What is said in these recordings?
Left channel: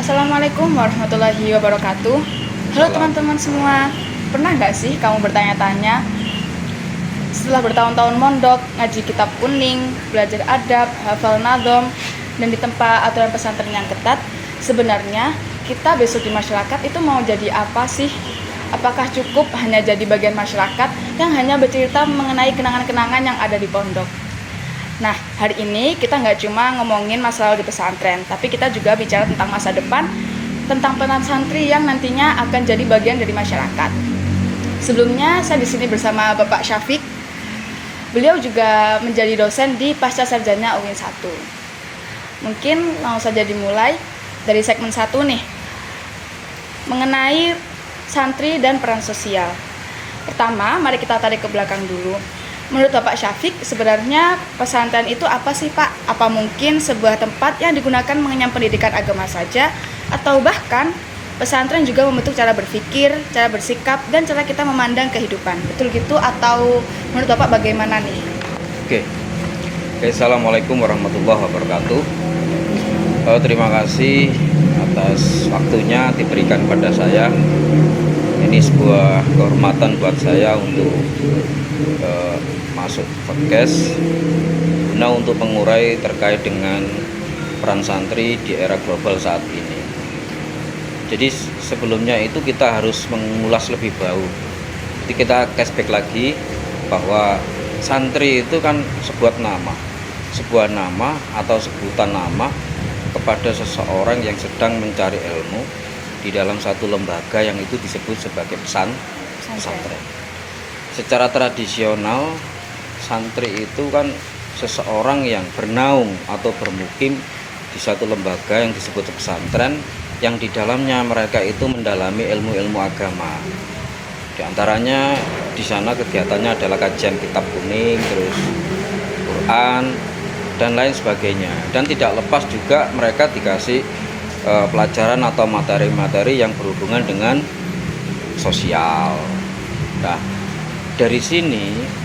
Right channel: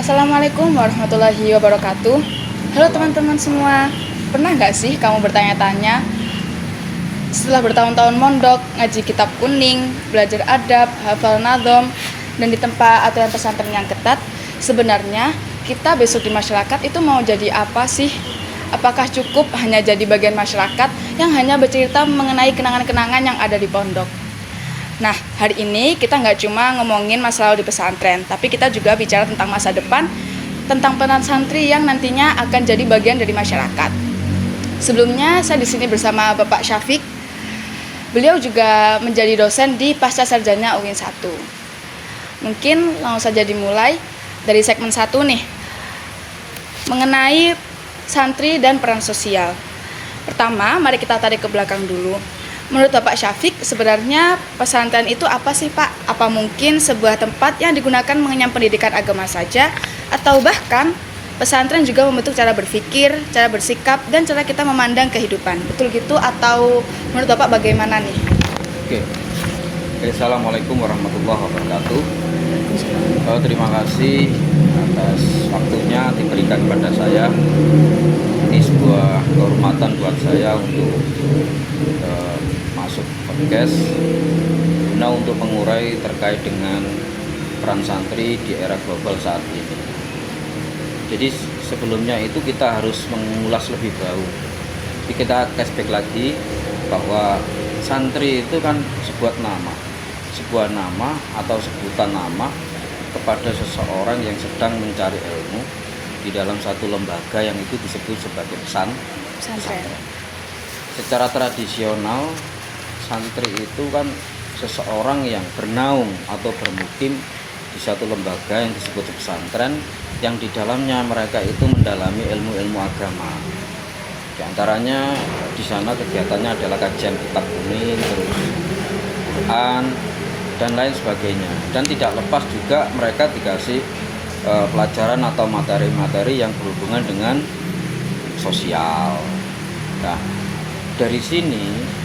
Assalamualaikum warahmatullahi wabarakatuh. Halo teman-teman semua. Pernah nggak sih kamu bertanya-tanya, setelah bertahun-tahun mondok, ngaji kitab kuning, belajar adab, hafal nadom, dan ditempa aturan pesantren yang ketat, sebenarnya kita besok di masyarakat itu mau jadi apa sih? Apakah cukup hanya jadi bagian masyarakat yang hanya bercerita mengenai kenangan-kenangan yang ada di pondok? Nah, hari ini kita nggak cuma ngomongin masalah di pesantren, tapi kita juga bicara tentang masa depan, tentang peran santri yang nantinya akan jadi bagian dari masyarakat. Sebelumnya, saya di sini bersama Bapak Syafiq. Beliau juga menjadi dosen di Pasca Sarjana UIN 1. Mungkin langsung saja dimulai dari segmen 1 nih, mengenai santri dan peran sosial. Pertama, mari kita tarik ke belakang dulu. Menurut Bapak Syafiq, sebenarnya pesantren itu apa sih Pak? Apa mungkin sebuah tempat yang digunakan mengenyam pendidikan agama saja? Atau bahkan pesantren juga membentuk cara berpikir, cara bersikap, dan cara kita memandang kehidupan? Betul gitu? Atau menurut Bapak bagaimana nih? Oke. Assalamualaikum warahmatullahi wabarakatuh. Terima kasih atas waktunya diberikan pada saya. Ini sebuah kehormatan buat saya untuk masuk podcast untuk mengurai terkait dengan peran santri di era global saat ini. Jadi sebelumnya itu kita harus mengulas lebih jauh. Jadi kita flashback lagi bahwa santri itu kan sebuah nama atau sebutan nama kepada seseorang yang sedang mencari ilmu di dalam satu lembaga yang itu disebut sebagai pesantren. Secara tradisional, santri itu kan seseorang yang bernaung atau bermukim di satu lembaga yang disebut pesantren, yang di dalamnya mereka itu mendalami ilmu-ilmu agama. Di antaranya di sana kegiatannya adalah kajian kitab kuning, terus Quran, dan lain sebagainya. Dan tidak lepas juga mereka dikasih pelajaran atau materi-materi yang berhubungan dengan sosial. Nah, dari sini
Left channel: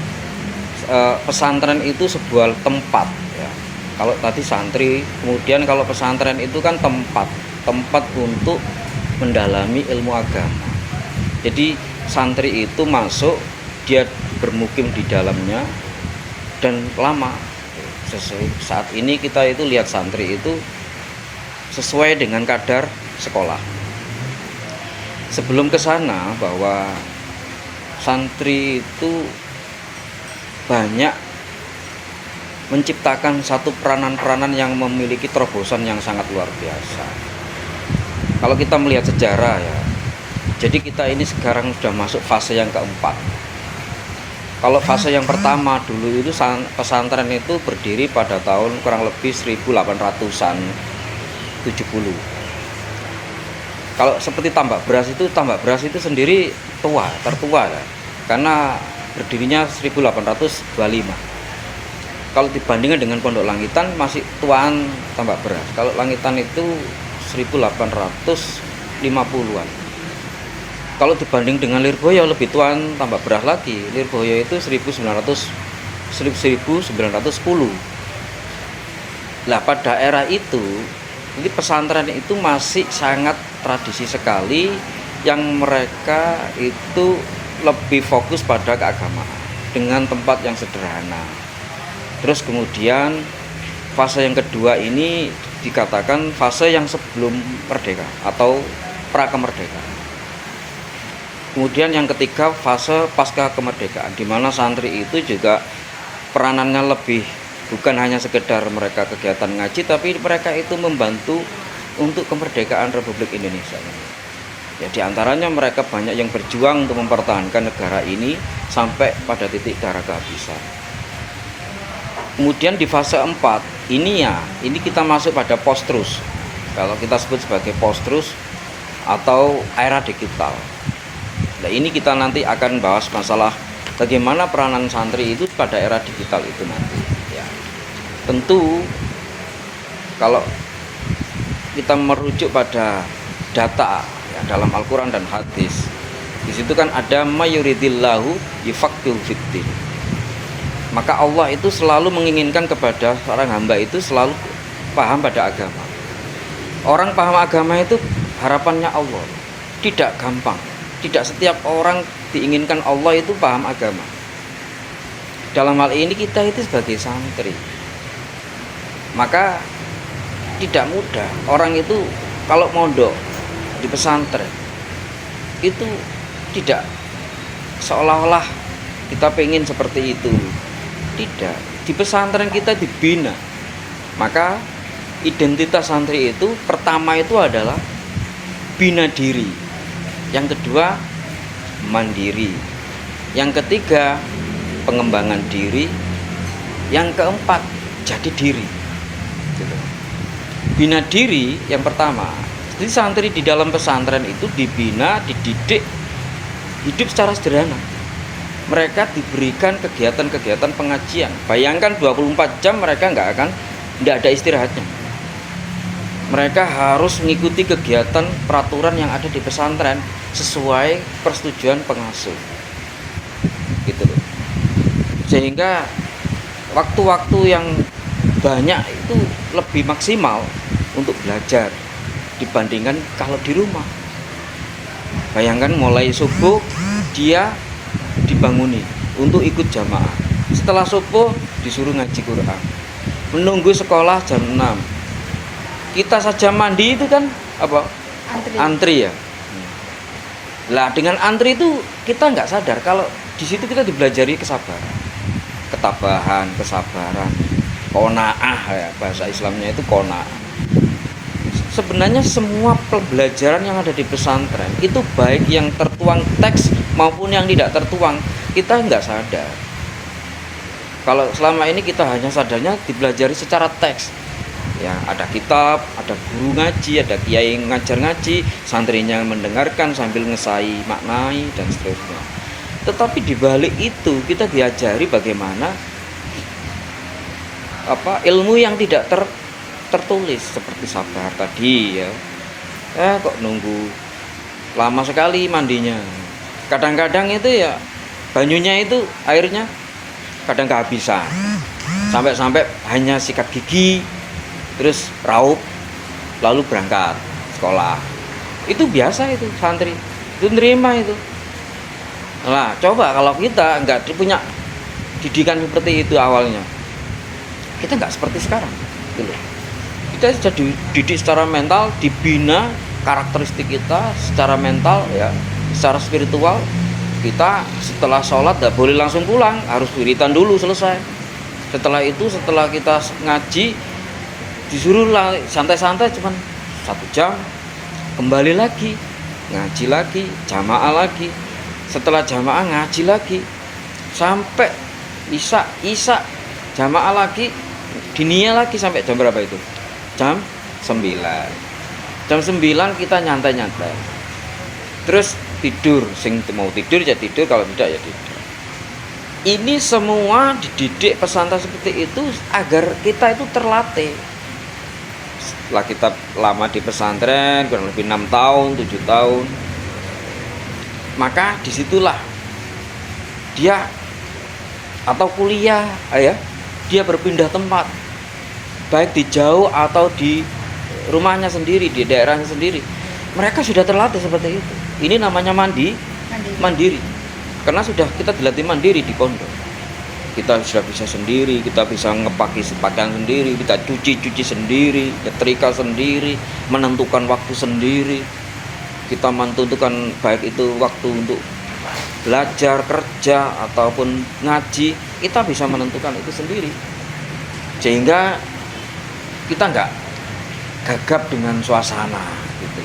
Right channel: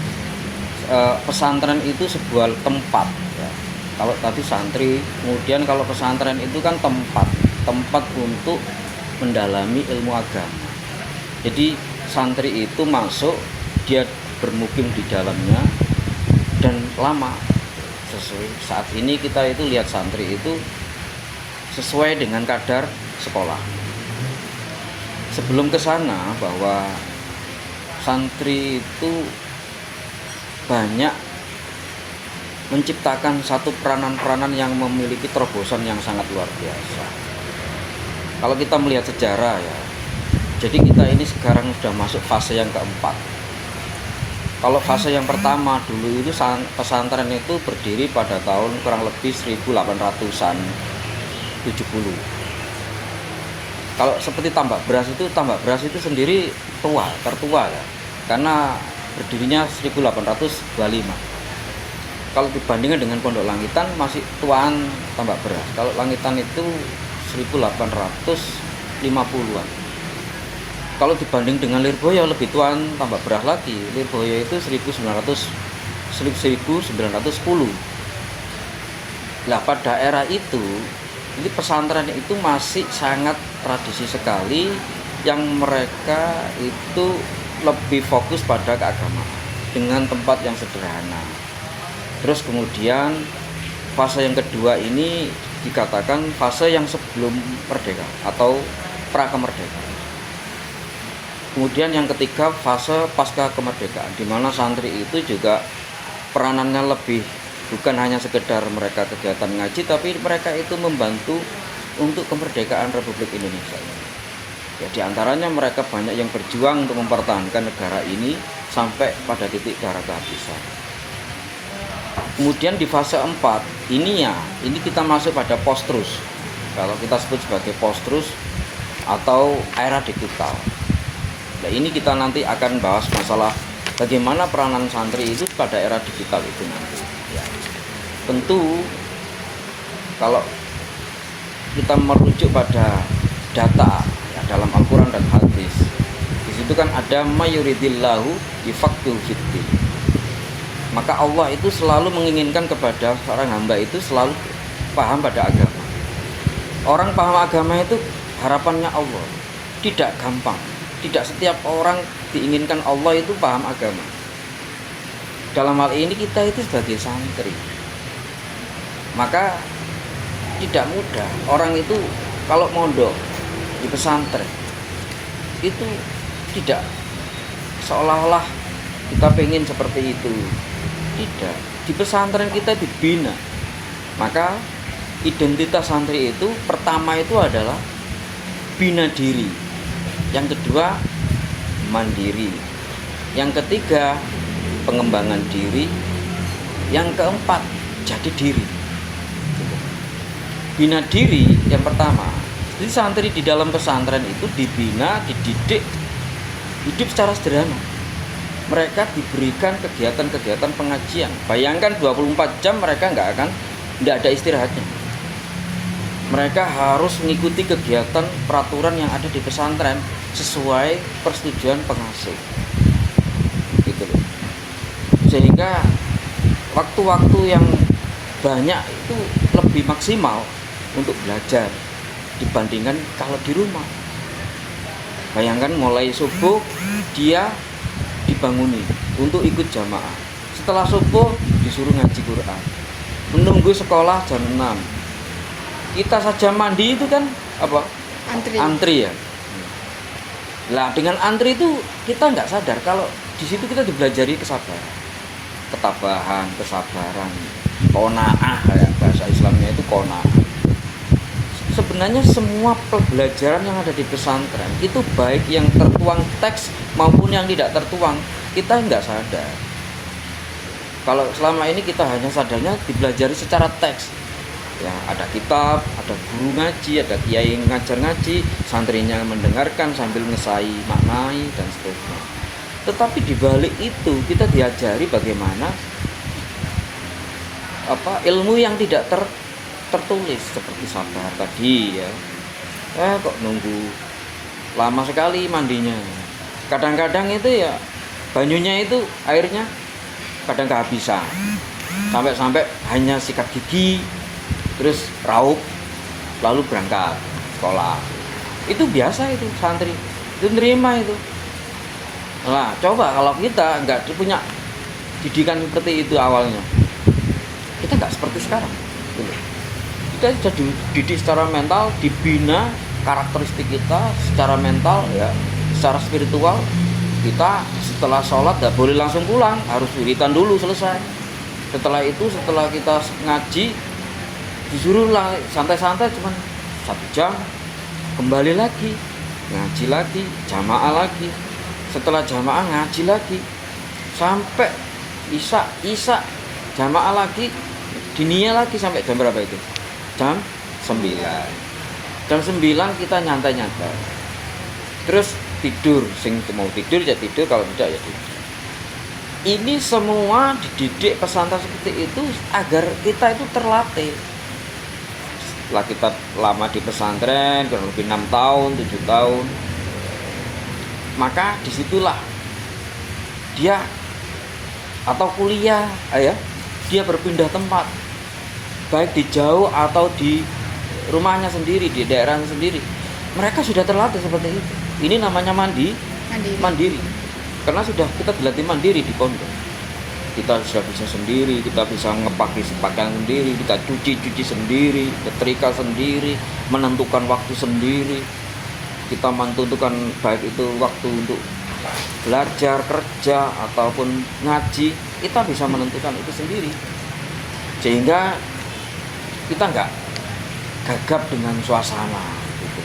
pesantren itu sebuah tempat ya. Kalau tadi santri, kemudian kalau pesantren itu kan tempat untuk mendalami ilmu agama. Jadi santri itu masuk, dia bermukim di dalamnya dan lama. Saat ini kita itu lihat santri itu sesuai dengan kadar sekolah. Sebelum ke sana, bahwa santri itu banyak menciptakan satu peranan-peranan yang memiliki terobosan yang sangat luar biasa. Kalau kita melihat sejarah ya, jadi kita ini sekarang sudah masuk fase yang keempat. Kalau fase yang pertama dulu itu pesantren itu berdiri pada tahun kurang lebih 1870. Kalau seperti tambak beras itu sendiri tertua ya, karena berdirinya 1825. Kalau dibandingkan dengan Pondok Langitan masih tuaan tambak beras. Kalau Langitan itu 1850-an. Kalau dibanding dengan Lirboyo lebih tuaan tambak beras lagi. Lirboyo itu 1910. Nah, pada era itu ini pesantren itu masih sangat tradisi sekali, yang mereka itu lebih fokus pada keagamaan dengan tempat yang sederhana. Terus kemudian fase yang kedua ini dikatakan fase yang sebelum merdeka atau pra kemerdekaan. Kemudian yang ketiga fase pasca kemerdekaan, di mana santri itu juga peranannya lebih bukan hanya sekedar mereka kegiatan ngaji, tapi mereka itu membantu untuk kemerdekaan Republik Indonesia. Ya, di antaranya mereka banyak yang berjuang untuk mempertahankan negara ini sampai pada titik darah kehabisan. Kemudian di fase 4 ini kita masuk pada post-truth. Kalau kita sebut sebagai post-truth atau era digital. Nah, ini kita nanti akan bahas masalah bagaimana peranan santri itu pada era digital itu nanti. Tentu kalau kita merujuk pada data ya, dalam Al-Quran dan hadis, di situ kan ada mayuridillahu yufaqqihul fiddin. Maka Allah itu selalu menginginkan kepada seorang hamba itu selalu paham pada agama. Orang paham agama itu harapannya Allah. Tidak gampang. Tidak setiap orang diinginkan Allah itu paham agama. Dalam hal ini kita itu sebagai santri, maka tidak mudah. Orang itu kalau mondok di pesantren itu tidak seolah-olah kita pengen seperti itu. Tidak. Di pesantren kita dibina. Maka identitas santri itu pertama itu adalah bina diri. Yang kedua mandiri. Yang ketiga pengembangan diri. Yang keempat jadi diri. Bina diri yang pertama. Jadi santri di dalam pesantren itu dibina, dididik hidup secara sederhana. Mereka diberikan kegiatan-kegiatan pengajian. Bayangkan 24 jam mereka tidak ada istirahatnya. Mereka harus mengikuti kegiatan peraturan yang ada di pesantren sesuai persetujuan pengasuh. Gitu loh. Sehingga waktu-waktu yang banyak itu lebih maksimal untuk belajar dibandingkan kalau di rumah. Bayangkan mulai subuh dia dibangunin untuk ikut jamaah. Setelah subuh disuruh ngaji Quran. Menunggu sekolah jam 6. Kita saja mandi itu kan apa? Antri ya. Lah dengan antri itu kita nggak sadar kalau di situ kita dibelajari kesabaran, ketabahan, kesabaran, qanaah ya, bahasa Islamnya itu qanaah. Sebenarnya semua pembelajaran yang ada di pesantren itu baik yang tertuang teks maupun yang tidak tertuang, kita nggak sadar. Kalau selama ini kita hanya sadarnya dipelajari secara teks. Ya, ada kitab, ada guru ngaji, ada kiai ngajar ngaji, santrinya mendengarkan sambil ngesai, maknai dan seterusnya. Tetapi di balik itu kita diajari bagaimana ilmu yang tidak tertulis seperti sabar tadi ya. Kok nunggu lama sekali mandinya. Kadang-kadang itu ya banyunya itu airnya kadang kehabisan. Sampai hanya sikat gigi terus raup lalu berangkat sekolah. Itu biasa itu santri. Itu nerima itu. Nah, coba kalau kita nggak punya didikan seperti itu awalnya. Kita nggak seperti sekarang. Gitu. Kita sudah dididik secara mental, dibina karakteristik kita secara mental ya, secara spiritual. Kita setelah sholat nggak boleh langsung pulang, harus wiritan dulu selesai. Setelah itu setelah kita ngaji disuruh santai-santai cuman 1 jam, kembali lagi ngaji lagi, jamaah lagi. Setelah jamaah ngaji lagi sampai isya jamaah lagi, dinia lagi sampai jam berapa itu? Jam 9. Jam 9 kita nyantai-nyantai. Terus tidur, sing mau tidur ya tidur, kalau tidak ya tidur. Ini semua dididik pesantren seperti itu agar kita itu terlatih. Setelah kita lama di pesantren kurang lebih 6 tahun, 7 tahun, maka disitulah dia atau kuliah ya, dia berpindah tempat baik di jauh atau di rumahnya sendiri, di daerahnya sendiri. Mereka sudah terlatih seperti itu. Ini namanya mandiri. Karena sudah kita dilatih mandiri di pondok. Kita sudah bisa sendiri, kita bisa ngepaki pakaian sendiri, kita cuci sendiri, nyetrika sendiri, menentukan waktu sendiri. Kita menentukan baik itu waktu untuk belajar, kerja, ataupun ngaji, kita bisa menentukan itu sendiri. Sehingga kita nggak gagap dengan suasana gitu.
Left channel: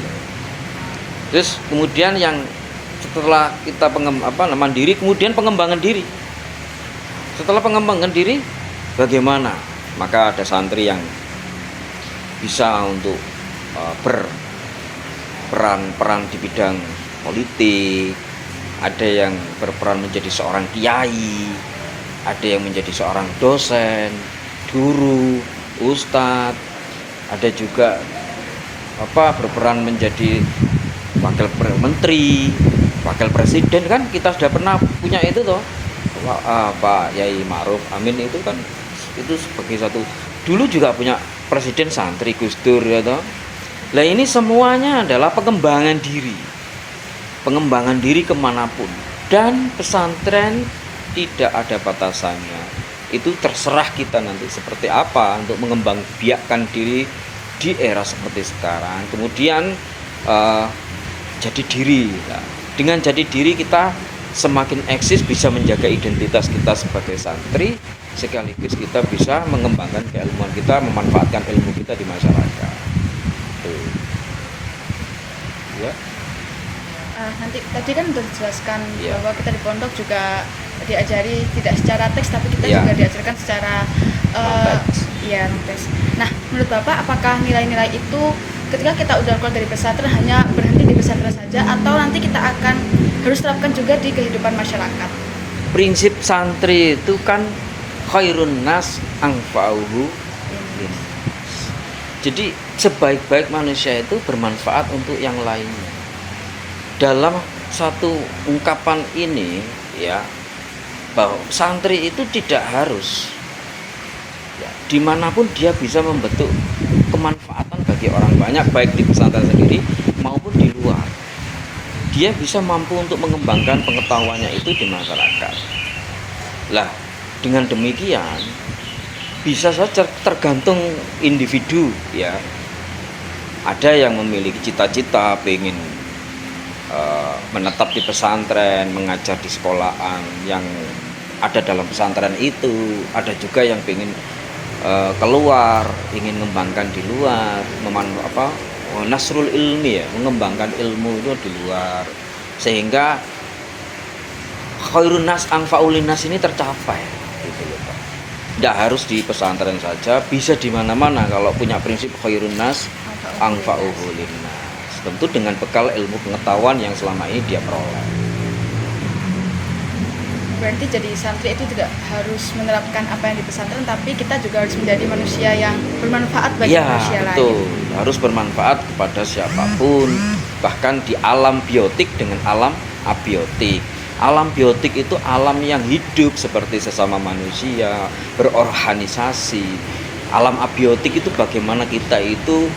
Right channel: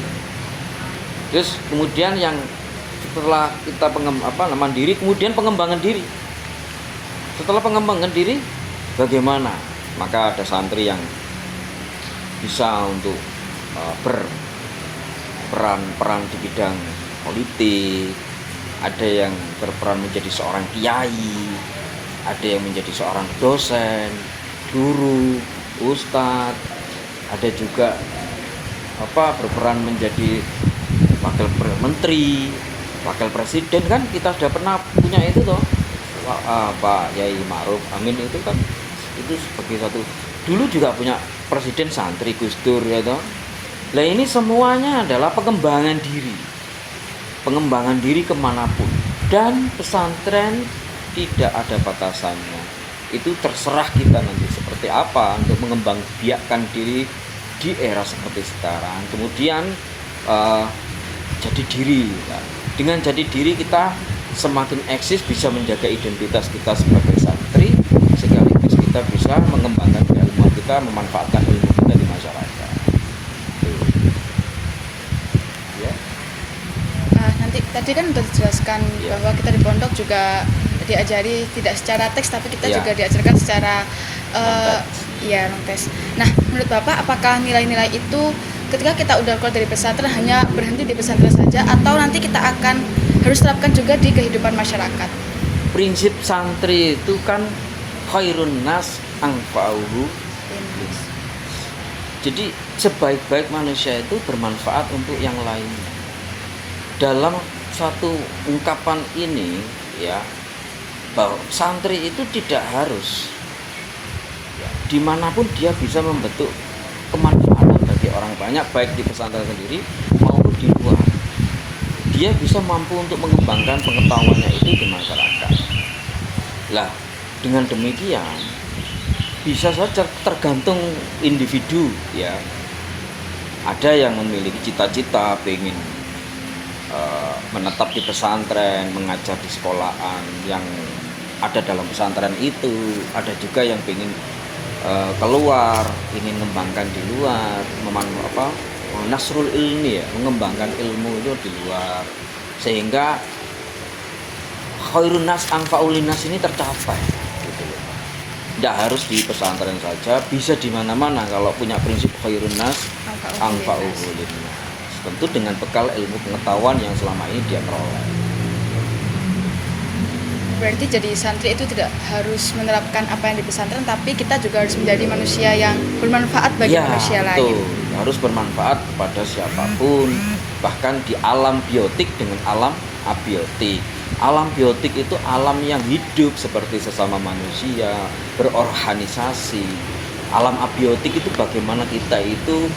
Terus kemudian yang setelah kita mandiri, kemudian pengembangan diri. Setelah pengembangan diri bagaimana? Maka ada santri yang bisa untuk berperan di bidang politik, ada yang berperan menjadi seorang kiai, ada yang menjadi seorang dosen, guru, ustadz, ada juga berperan menjadi wakil menteri, wakil presiden. Kan kita sudah pernah punya itu toh, Pak Yai Ma'ruf Amin itu kan itu sebagai satu, dulu juga punya presiden santri Gus Dur ya toh. Nah ini semuanya adalah pengembangan diri kemanapun, dan pesantren tidak ada batasannya. Itu terserah kita nanti seperti apa untuk mengembangbiakkan diri di era seperti sekarang. Kemudian jadi diri. Nah, dengan jadi diri kita semakin eksis, bisa menjaga identitas kita sebagai santri, sekaligus kita bisa mengembangkan keilmuan kita, memanfaatkan ilmu kita di masyarakat. Tuh. Ya. Nah, nanti tadi kan sudah dijelaskan Iya. bahwa kita di pondok juga diajari tidak secara teks, tapi kita Iya. juga diajarkan secara Non-teks. non-teks. Nah, menurut Bapak apakah nilai-nilai itu ketika kita udah keluar dari pesantren hanya berhenti di pesantren saja, atau nanti kita akan harus terapkan juga di kehidupan masyarakat? Prinsip santri itu kan khairun nas anfa'uhu. Jadi sebaik-baik manusia itu bermanfaat untuk yang lainnya. Dalam satu ungkapan ini ya, bahwa santri itu tidak harus ya, dimanapun dia bisa membentuk kemanfaatan bagi orang banyak, baik di pesantren sendiri maupun di luar. Dia bisa mampu untuk mengembangkan pengetahuannya itu di masyarakat. Lah, dengan demikian bisa saja tergantung individu ya. Ada yang memiliki cita-cita pengen menetap di pesantren, mengajar di sekolahan yang ada dalam pesantren itu. Ada juga yang pengen keluar, ingin mengembangkan di luar, nasrul ilmi ya, mengembangkan ilmu itu di luar, sehingga khairun nas anfa'ul nas ini tercapai gitu loh. Tidak harus di pesantren saja, bisa di mana-mana kalau punya prinsip khairun nas anfa'ul nas. Tentu dengan bekal ilmu pengetahuan yang selama ini dia peroleh. Berarti jadi santri itu tidak harus menerapkan apa yang di pesantren, tapi kita juga harus menjadi manusia yang bermanfaat bagi manusia betul. lain. Harus bermanfaat kepada siapapun, bahkan di alam biotik dengan alam abiotik. Alam biotik itu alam yang hidup seperti sesama manusia, berorganisasi. Alam abiotik itu bagaimana kita itu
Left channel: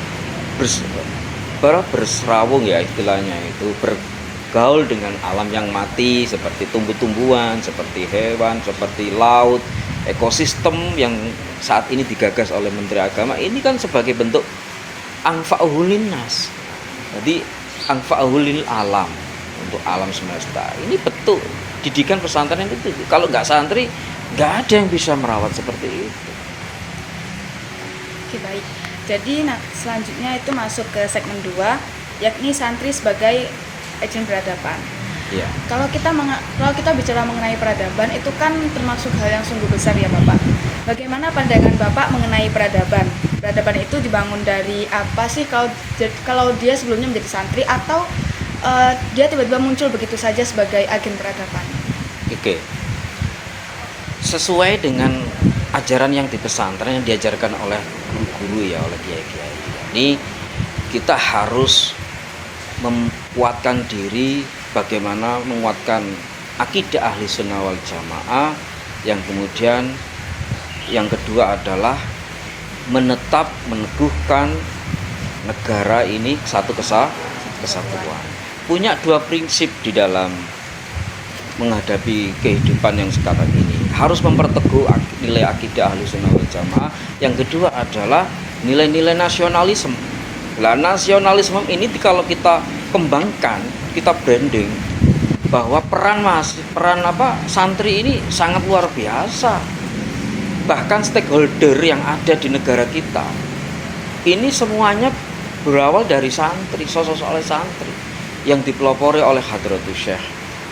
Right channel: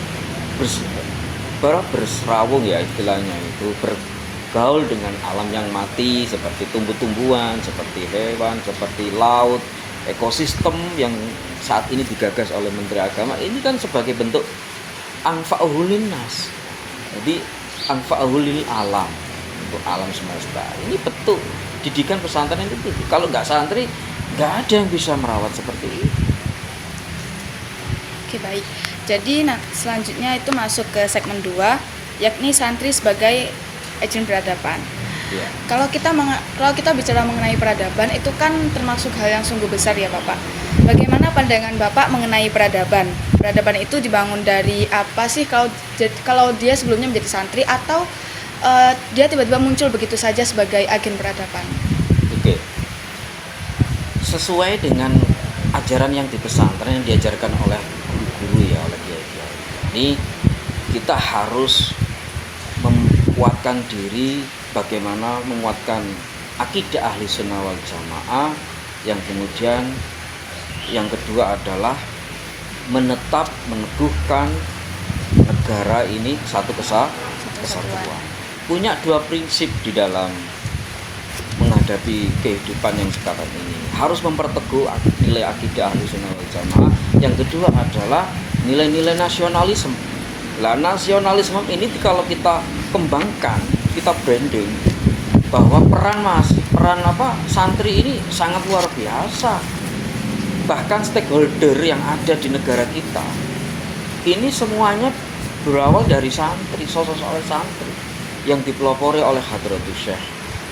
berserawung ya istilahnya, itu bergaul dengan alam yang mati seperti tumbuh-tumbuhan, seperti hewan, seperti laut, ekosistem yang saat ini digagas oleh Menteri Agama. Ini kan sebagai bentuk anfa'uhul linnas. Jadi anfa'uhul lil alam, untuk alam semesta. Ini betul didikan pesantren itu. Kalau nggak santri, nggak ada yang bisa merawat seperti itu. Oke, baik. Jadi selanjutnya itu masuk ke segmen 2, yakni santri sebagai agen peradaban. Ya. Kalau kita bicara mengenai peradaban, itu kan termasuk hal yang sungguh besar ya Bapak. Bagaimana pandangan Bapak mengenai peradaban? Peradaban itu dibangun dari apa sih kalau dia sebelumnya menjadi santri, atau dia tiba-tiba muncul begitu saja sebagai agen peradaban? Oke. Sesuai dengan ajaran yang di pesantren yang diajarkan oleh guru ya, oleh kiai-kiai. Ini kita harus menguatkan diri, bagaimana menguatkan akidah ahli sunnah wal jamaah. Yang kemudian yang kedua adalah menetap meneguhkan negara ini satu kesatuan. Punya dua prinsip di dalam menghadapi kehidupan yang sekarang ini. Harus memperteguh nilai akidah ahli sunnah wal jamaah. Yang kedua adalah nilai-nilai nasionalisme. Nah, nasionalisme ini kalau kita kembangkan, kita branding bahwa peran santri ini sangat luar biasa. Bahkan stakeholder yang ada di negara kita ini semuanya berawal dari santri, sosok santri yang dipelopori oleh Hadratus Syekh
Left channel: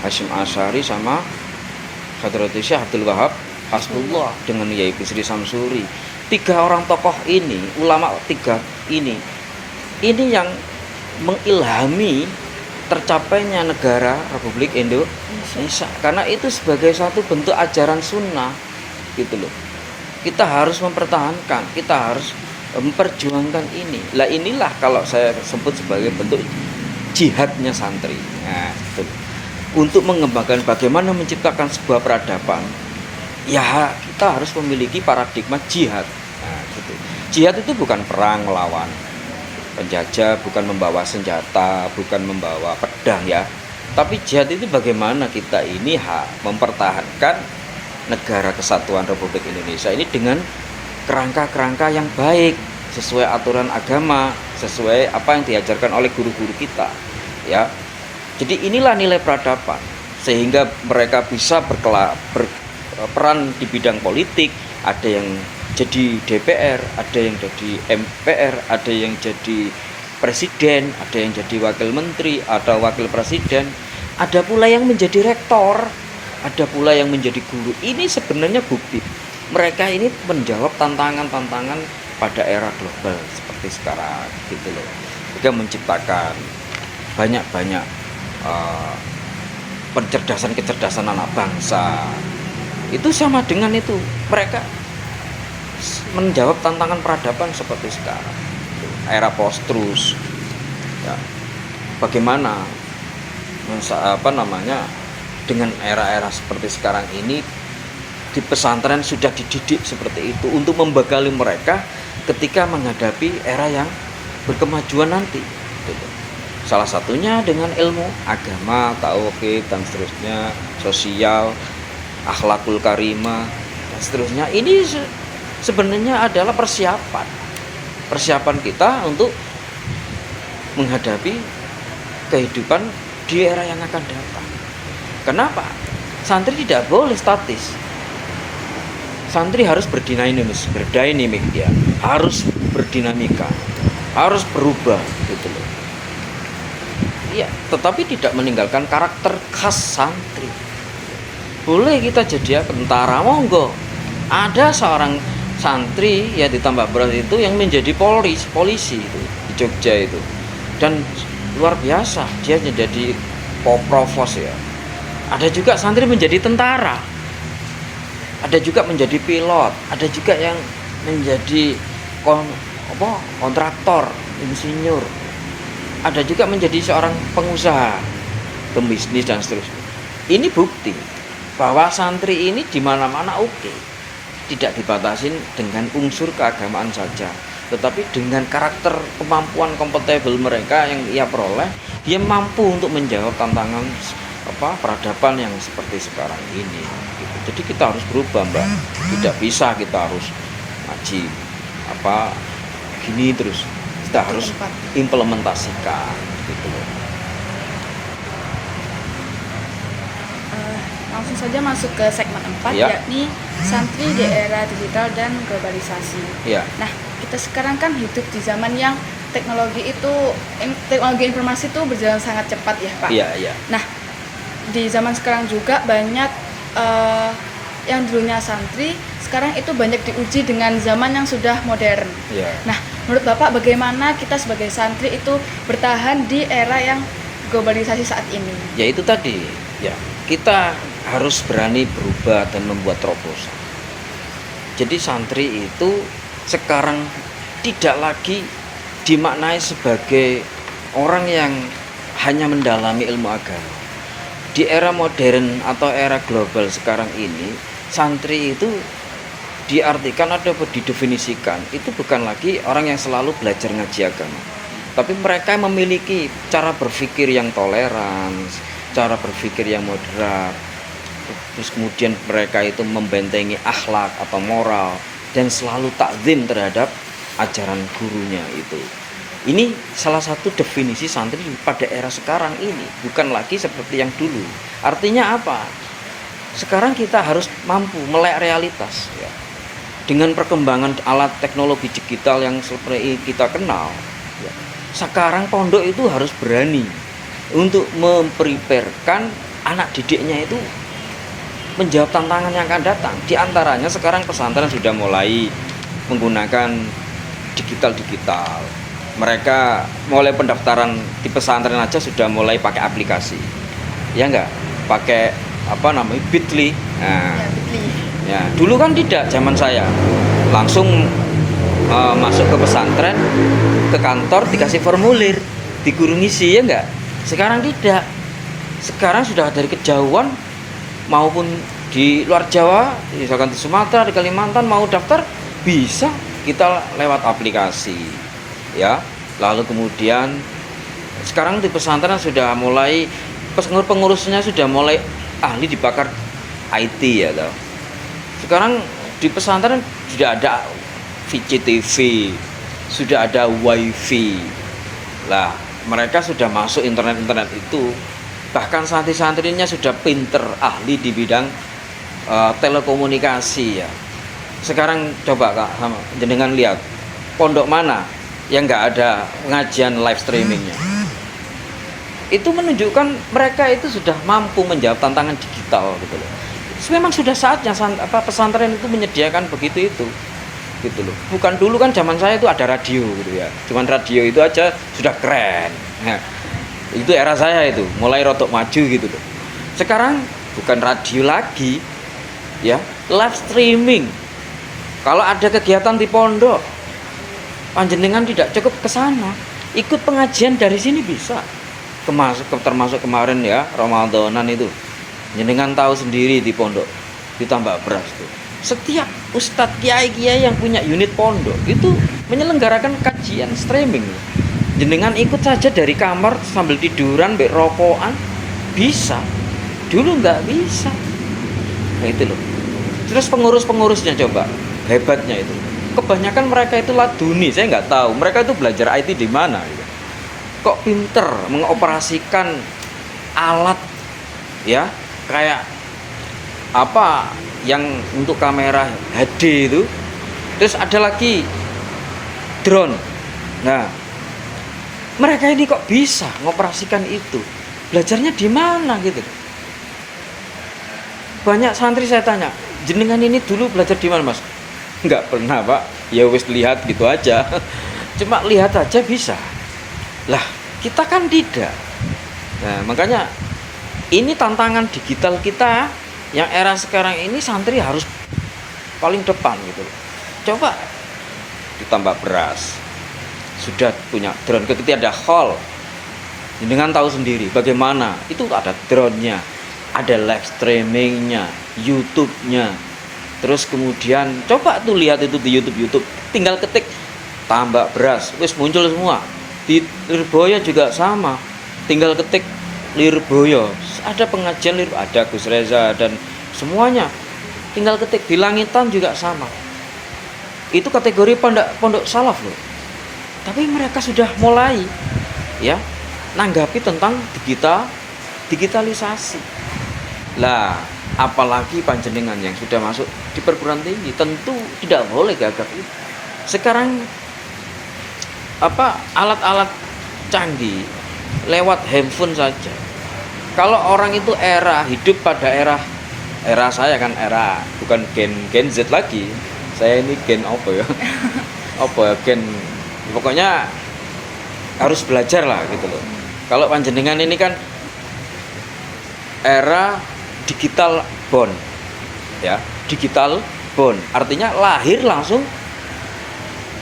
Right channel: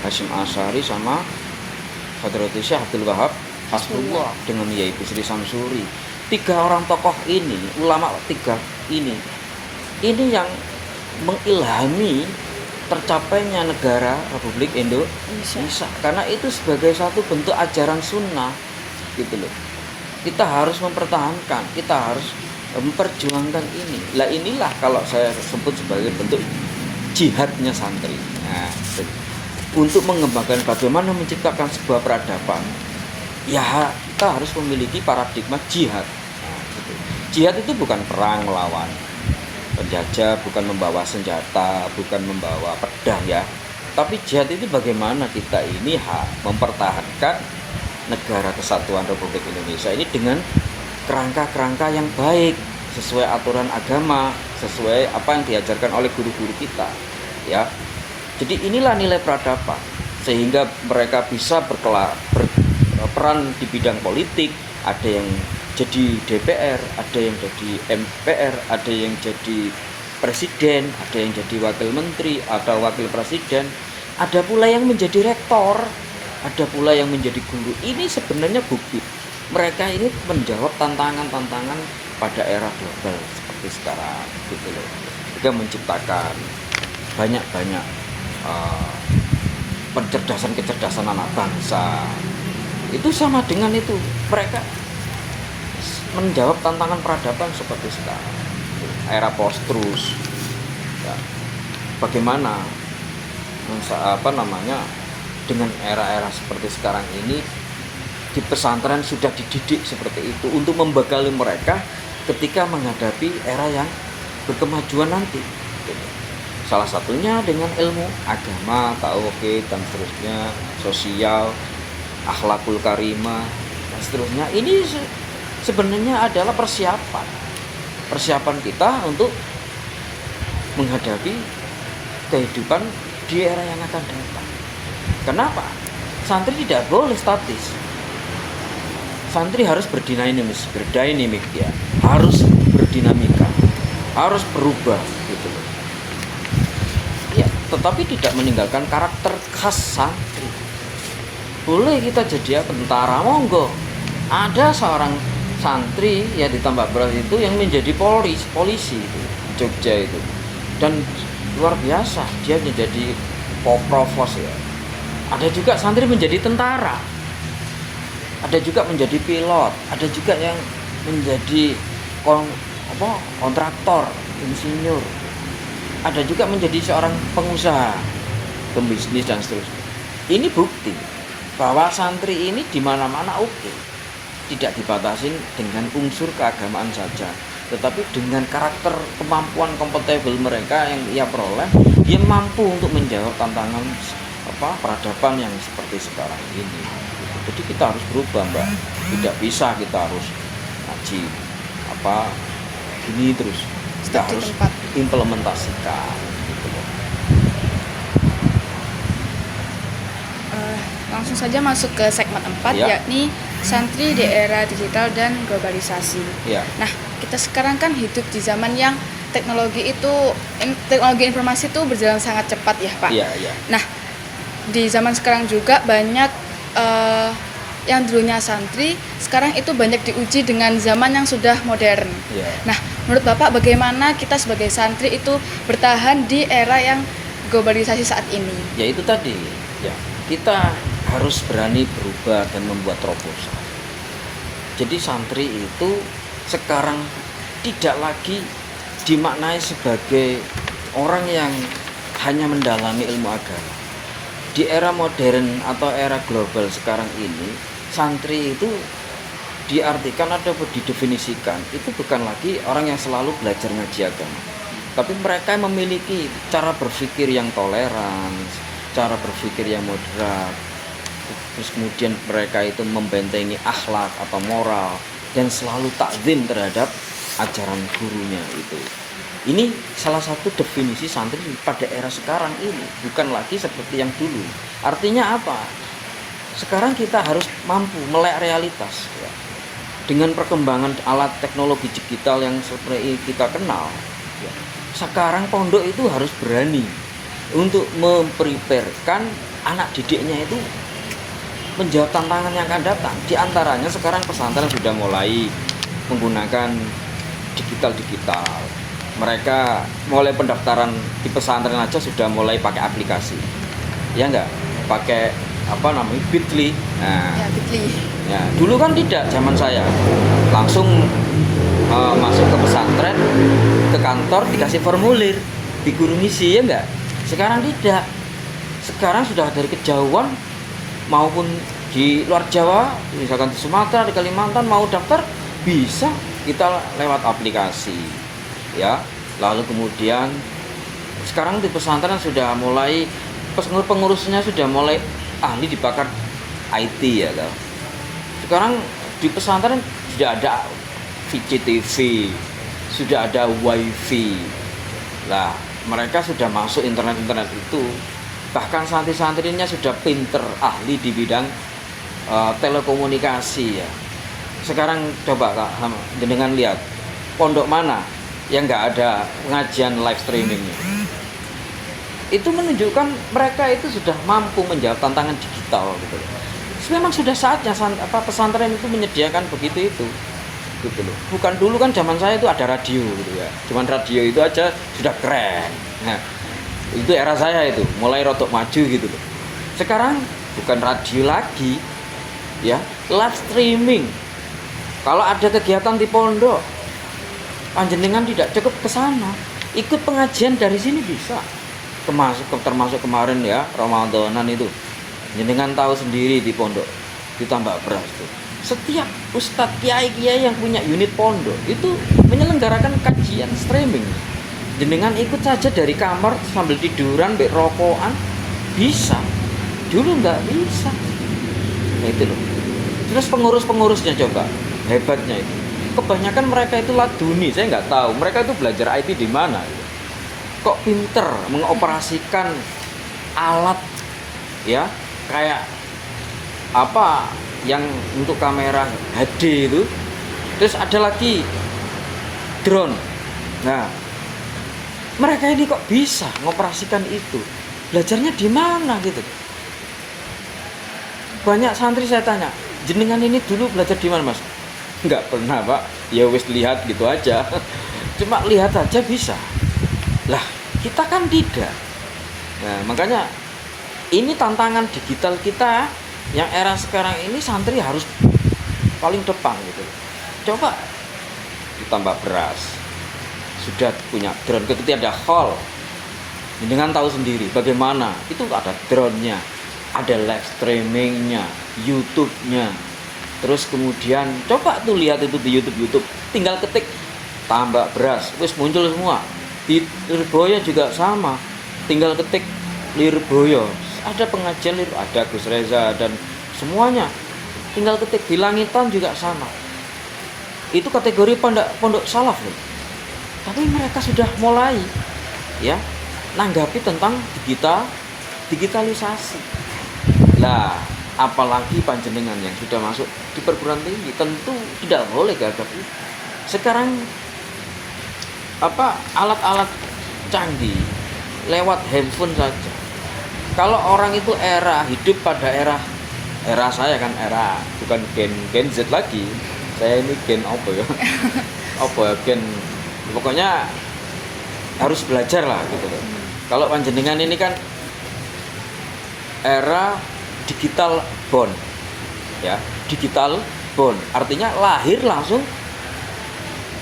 Hasyim Asy'ari sama Hadratus Syekh Abdul Wahab Hasbullah dengan Yai Bisri Samsuri. Tiga orang tokoh ini, ulama tiga ini yang mengilhami tercapainya negara Republik Indonesia, karena itu sebagai satu bentuk ajaran sunnah gitu loh. Kita harus mempertahankan, kita harus memperjuangkan ini. Lah inilah kalau saya sebut sebagai bentuk jihadnya santri. Nah, untuk mengembangkan bagaimana menciptakan sebuah peradaban, ya kita harus memiliki paradigma jihad. Nah, gitu. Jihad itu bukan perang melawan penjajah, bukan membawa senjata, bukan membawa pedang ya. Tapi jihad itu bagaimana kita ini mempertahankan negara kesatuan Republik Indonesia ini dengan kerangka-kerangka yang baik, sesuai aturan agama, sesuai apa yang diajarkan oleh guru-guru kita ya. Jadi inilah nilai peradaban, sehingga mereka bisa berperan di bidang politik. Ada yang jadi DPR, ada yang jadi MPR, ada yang jadi presiden, ada yang jadi wakil menteri atau wakil presiden, ada pula yang menjadi rektor, ada pula yang menjadi guru. Ini sebenarnya bukti mereka ini menjawab tantangan-tantangan pada era global seperti sekarang gitu loh. Juga menciptakan banyak-banyak kecerdasan anak bangsa. Itu sama dengan itu, mereka menjawab tantangan peradaban seperti sekarang, era post-truth ya. Bagaimana dengan era-era seperti sekarang ini di pesantren sudah dididik seperti itu untuk membekali mereka ketika menghadapi era yang berkemajuan nanti gitu. Salah satunya dengan ilmu agama, tauhid dan seterusnya, sosial, akhlakul karimah dan seterusnya. Ini sebenarnya adalah persiapan kita untuk menghadapi kehidupan di era yang akan datang. Kenapa? Santri tidak boleh statis. Santri harus berdinamik ya, harus berdinamika, harus berubah gitu loh. Iya, tetapi tidak meninggalkan karakter khas santri. Boleh kita jadi tentara, monggo. Ada seorang santri ya di Tambak Beras itu yang menjadi polisi itu di Jogja itu, dan luar biasa dia menjadi provos ya. Ada juga santri menjadi tentara, ada juga menjadi pilot, ada juga yang menjadi kontraktor, insinyur, ada juga menjadi seorang pengusaha, pembisnis dan seterusnya. Ini bukti bahwa santri ini di mana-mana oke. Tidak dibatasi dengan unsur keagamaan saja, tetapi dengan karakter, kemampuan, kompatibel mereka yang ia peroleh, dia mampu untuk menjawab tantangan peradaban yang seperti sekarang ini. Jadi kita harus berubah, Mbak. Tidak bisa kita harus ngaji gini terus. Kita harus implementasikan gitu. Langsung saja masuk ke segmen 4 ya. Yakni santri di era digital dan globalisasi. Ya. Nah, kita sekarang kan hidup di zaman yang teknologi informasi itu berjalan sangat cepat ya, Pak. Iya, iya. Nah, di zaman sekarang juga banyak yang dulunya santri sekarang itu banyak diuji dengan zaman yang sudah modern. Ya. Nah, menurut Bapak bagaimana kita sebagai santri itu bertahan di era yang globalisasi saat ini? Ya itu tadi, ya kita harus berani berubah dan membuat terobosan. Jadi santri itu sekarang tidak lagi dimaknai sebagai orang yang hanya mendalami ilmu agama. Di era modern atau era global sekarang ini, santri itu diartikan atau didefinisikan itu bukan lagi orang yang selalu belajar ngaji agama, tapi mereka memiliki cara berpikir yang toleran, cara berpikir yang moderat. Terus kemudian mereka itu membentengi akhlak atau moral dan selalu takzim terhadap ajaran gurunya itu. Ini salah satu definisi santri pada era sekarang ini, bukan lagi seperti yang dulu. Artinya apa? Sekarang kita harus mampu melek realitas ya. Dengan perkembangan alat teknologi digital yang seperti kita kenal ya. Sekarang pondok itu harus berani untuk mempreparekan anak didiknya itu menjawab tantangan yang akan datang. Di antaranya sekarang pesantren sudah mulai menggunakan digital. Mereka mulai pendaftaran di pesantren aja sudah mulai pakai aplikasi. Ya enggak? Pakai Bitly. Nah, Ya, Bitly. Ya, dulu kan tidak, zaman saya. Langsung masuk ke pesantren, ke kantor dikasih formulir, disuruh ngisi, ya enggak? Sekarang tidak. Sekarang sudah dari kejauhan maupun di luar Jawa, misalkan di Sumatera, di Kalimantan mau daftar bisa kita lewat aplikasi. Ya, Lalu kemudian sekarang di pesantren sudah mulai pengurusnya sudah mulai ahli di pakar IT ya toh. Sekarang di pesantren sudah ada VCTV, sudah ada WiFi. Lah, mereka sudah masuk internet itu. Bahkan santri-santrinya sudah pinter ahli di bidang telekomunikasi ya. Sekarang coba Kak, jenengan lihat pondok mana yang nggak ada ngajian live streamingnya. Itu menunjukkan mereka itu sudah mampu menjawab tantangan digital gitu loh. Memang sudah saatnya pesantren itu menyediakan begitu itu gitu loh. Bukan dulu kan zaman saya itu ada radio gitu ya. Cuman radio itu aja sudah keren. Nah, itu era saya itu, mulai rotok maju gitu loh. Sekarang bukan radio lagi ya, live streaming. Kalau ada kegiatan di pondok, panjenengan tidak cukup ke sana, ikut pengajian dari sini bisa. Termasuk kemarin ya, Ramadanan itu. Jenengan tahu sendiri di pondok, ditambah beras tuh. Setiap ustadz kiai-kiai yang punya unit pondok itu menyelenggarakan kajian streaming. Jenengan ikut saja dari kamar sambil tiduran, rokokan, bisa. Dulu nggak bisa. Nah itu loh. Terus pengurus-pengurusnya coba, hebatnya itu. Kebanyakan mereka itu laduni, saya nggak tahu. Mereka itu belajar IT di mana? Kok pinter mengoperasikan alat ya, kayak apa yang untuk kamera HD itu. Terus ada lagi drone. Nah, mereka ini kok bisa mengoperasikan itu? Belajarnya di mana gitu? Banyak santri saya tanya, jenengan ini dulu belajar di mana Mas? Enggak pernah Pak, ya wis lihat gitu aja. Cuma lihat aja bisa. Lah, kita kan tidak. Nah, makanya ini tantangan digital kita yang era sekarang ini, santri harus paling depan gitu. Coba ditambah beras, sudah punya drone, ketika ada call, dengan tahu sendiri bagaimana itu ada drone-nya, ada live streaming-nya, YouTube-nya. Terus kemudian coba tuh lihat itu di YouTube, tinggal ketik tambak beras, wis muncul semua. Di Lirboyo juga sama, tinggal ketik Lirboyo, ada pengajian ada Gus Reza dan semuanya, tinggal ketik. Di Langitan juga sama, itu kategori pondok salaf loh. Tapi mereka sudah mulai ya nanggapi tentang digitalisasi. Lah, apalagi panjenengan yang sudah masuk di perguruan tinggi, tentu tidak boleh gagap itu. Sekarang alat-alat canggih lewat handphone saja. Kalau orang itu hidup pada era saya kan, era bukan gen Z lagi. Saya ini gen apa ya? Gen, pokoknya harus belajar lah gitu loh. Kalau panjenengan ini kan era digital born ya, digital born artinya lahir langsung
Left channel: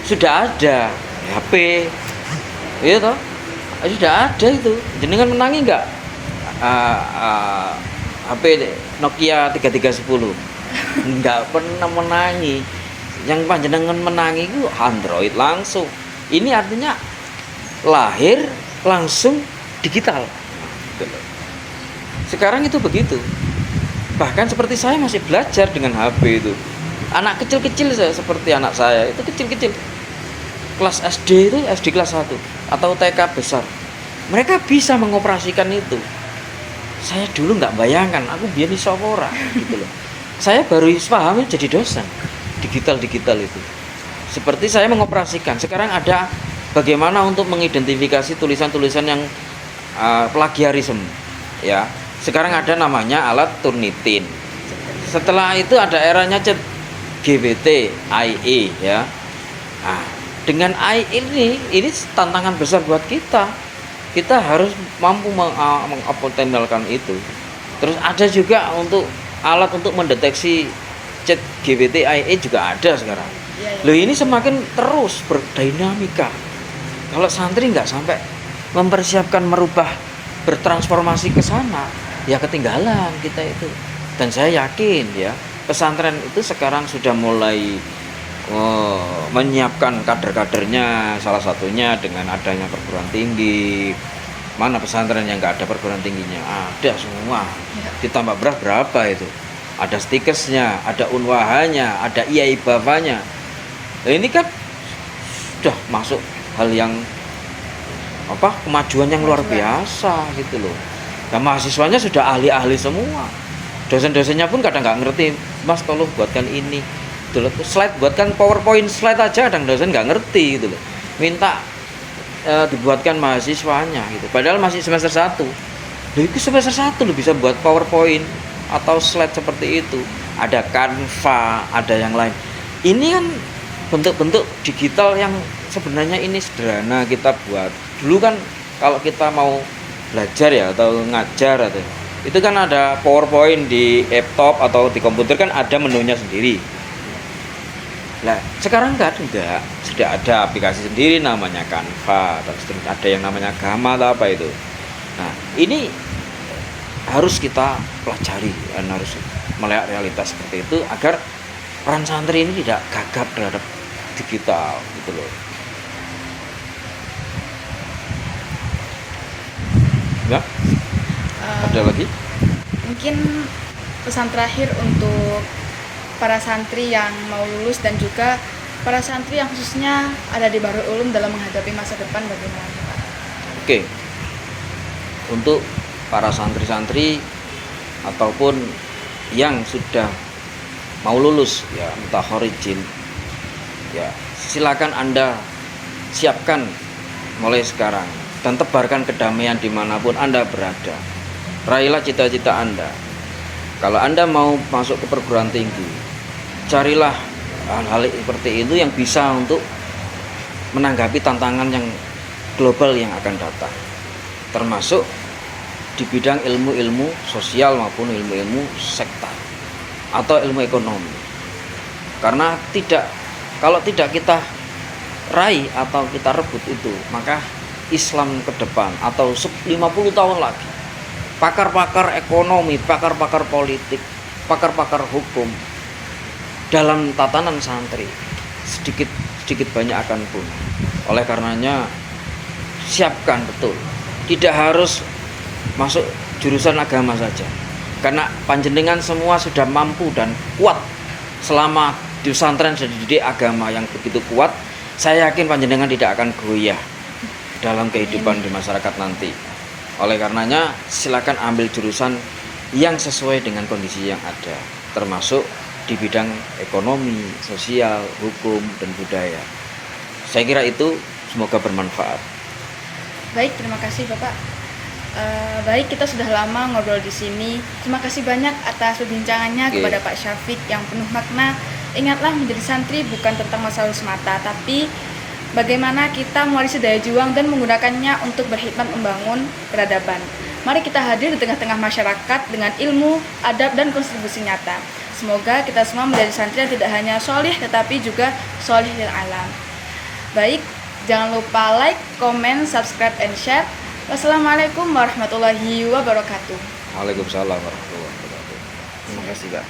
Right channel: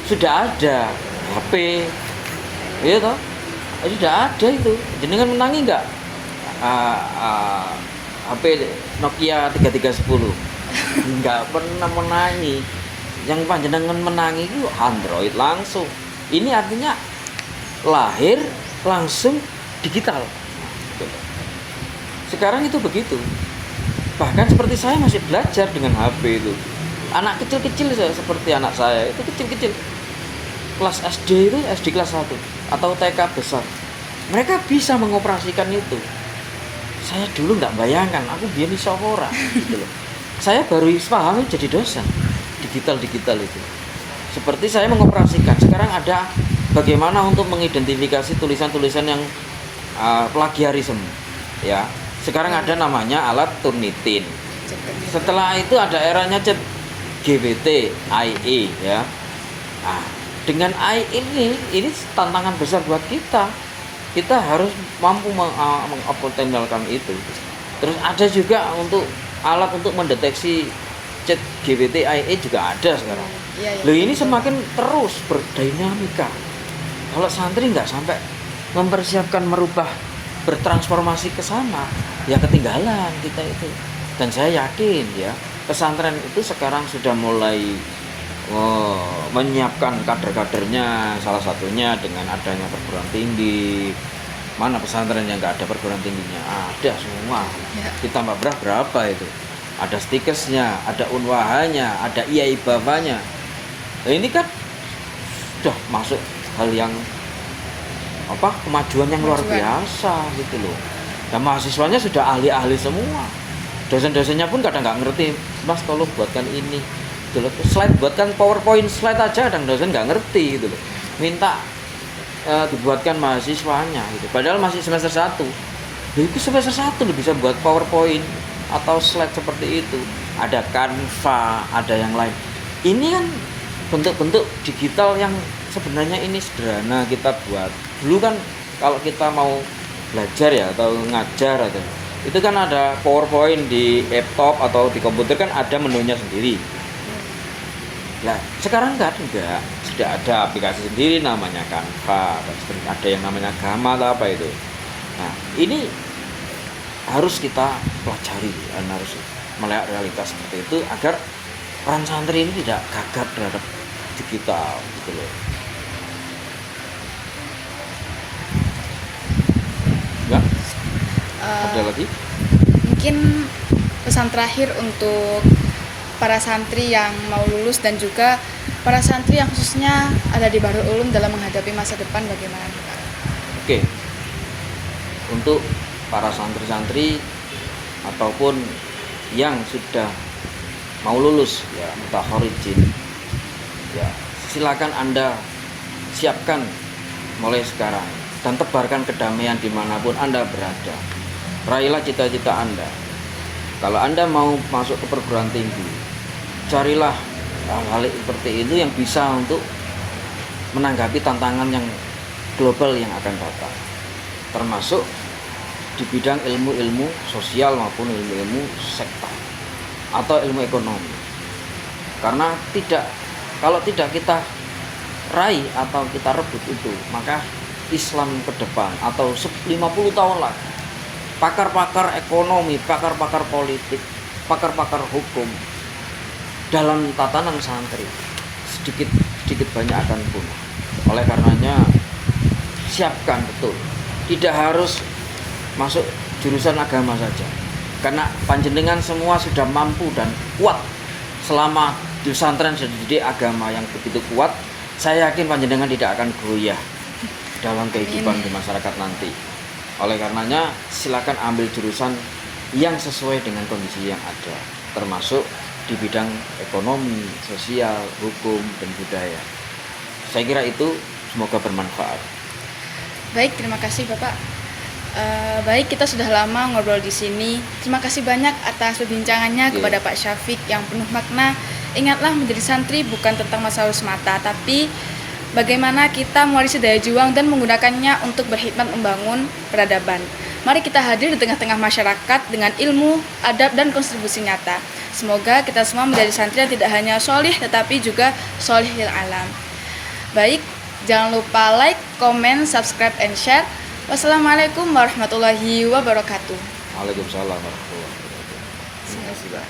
sudah ada HP gitu, sudah ada itu. Jenengan menangi nggak HP Nokia 3310? Nggak pernah menangi. Yang panjenengan menangi itu Android langsung. Ini artinya lahir langsung digital. Sekarang itu begitu. Bahkan seperti saya masih belajar dengan HP itu. Anak kecil-kecil seperti anak saya itu kecil-kecil, kelas SD itu, SD kelas 1 atau TK besar, mereka bisa mengoperasikan itu. Saya dulu nggak bayangkan, aku biar iso ora gitu loh. Saya baru paham jadi dosen digital itu. Seperti saya mengoperasikan. Sekarang ada bagaimana untuk mengidentifikasi tulisan-tulisan yang plagiarisme ya. Sekarang ada namanya alat Turnitin. Setelah itu ada eranya GPT, AI ya. Nah, dengan AI ini tantangan besar buat kita. Kita harus mampu mengoptimalkan itu. Terus ada juga untuk alat untuk mendeteksi chat GPT AI juga ada sekarang. Loh, ini semakin terus berdinamika. Kalau santri nggak sampai mempersiapkan bertransformasi ke sana, ya ketinggalan kita itu. Dan saya yakin ya, pesantren itu sekarang sudah mulai menyiapkan kader-kadernya, salah satunya dengan adanya perguruan tinggi. Mana pesantren yang nggak ada perguruan tingginya? Ada semua. Ya. Ditambah berapa itu? Ada stikesnya, ada unwahanya, ada iai bapaknya. Nah, ini kan sudah masuk hal yang kemajuan yang luar biasa gitu loh. Dan mahasiswanya sudah ahli-ahli semua. Dosen-dosennya pun kadang nggak ngerti, Mas tolong buatkan ini. Gitu loh. Slide, buatkan PowerPoint slide aja, kadang dosen nggak ngerti gitu loh. Minta dibuatkan mahasiswanya gitu. Padahal masih semester 1. Itu semester 1 loh bisa buat PowerPoint atau slide seperti itu. Ada Canva, ada yang lain. Ini kan bentuk-bentuk digital yang sebenarnya ini sederhana kita buat. Dulu kan kalau kita mau belajar ya atau ngajar atau itu kan ada PowerPoint di laptop atau di komputer kan ada menunya sendiri. Nah, sekarang enggak, sudah ada aplikasi sendiri namanya Canva, dan ada yang namanya Gamma atau apa itu. Nah, ini harus kita pelajari dan harus melihat realitas seperti itu agar peran santri ini tidak gagap terhadap digital gitu loh. Ya, ada lagi? Mungkin pesan terakhir untuk para santri yang mau lulus dan juga para santri yang khususnya ada di Bahrul Ulum dalam menghadapi masa depan bagaimana? Oke. Untuk para santri-santri ataupun yang sudah mau lulus ya mutakharirin ya silakan Anda siapkan mulai sekarang dan tebarkan kedamaian dimanapun Anda berada. Raihlah cita-cita Anda. Kalau Anda mau masuk ke perguruan tinggi, carilah hal-hal seperti itu yang bisa untuk menanggapi tantangan yang global yang akan datang, termasuk di bidang ilmu-ilmu sosial maupun ilmu-ilmu sektor atau ilmu ekonomi. Karena kalau tidak kita raih atau kita rebut itu, maka Islam ke depan atau 50 tahun lagi, pakar-pakar ekonomi, pakar-pakar politik, pakar-pakar hukum dalam tatanan santri sedikit banyak akan punah. Oleh karenanya siapkan betul, tidak harus masuk jurusan agama saja, karena panjenengan semua sudah mampu dan kuat selama di pesantren sudah dididik agama yang begitu kuat. Saya yakin panjenengan tidak akan goyah dalam kehidupan di masyarakat nanti. Oleh karenanya silakan ambil jurusan yang sesuai dengan kondisi yang ada, termasuk di bidang ekonomi, sosial, hukum, dan budaya. Saya kira itu semoga bermanfaat. Baik, terima kasih Bapak. Baik, kita sudah lama ngobrol di sini. Terima kasih banyak atas perbincangannya kepada Pak Syafiq yang penuh makna. Ingatlah, menjadi santri bukan tentang masa lalu semata, tapi bagaimana kita mewarisi daya juang dan menggunakannya untuk berkhidmat membangun peradaban. Mari kita hadir di tengah-tengah masyarakat dengan ilmu, adab, dan kontribusi nyata. Semoga kita semua menjadi santri yang tidak hanya sholih tetapi juga sholih lil alam. Baik, jangan lupa like, comment, subscribe, and share. Wassalamualaikum warahmatullahi wabarakatuh. Waalaikumsalam warahmatullahi wabarakatuh. Terima kasih, Kak.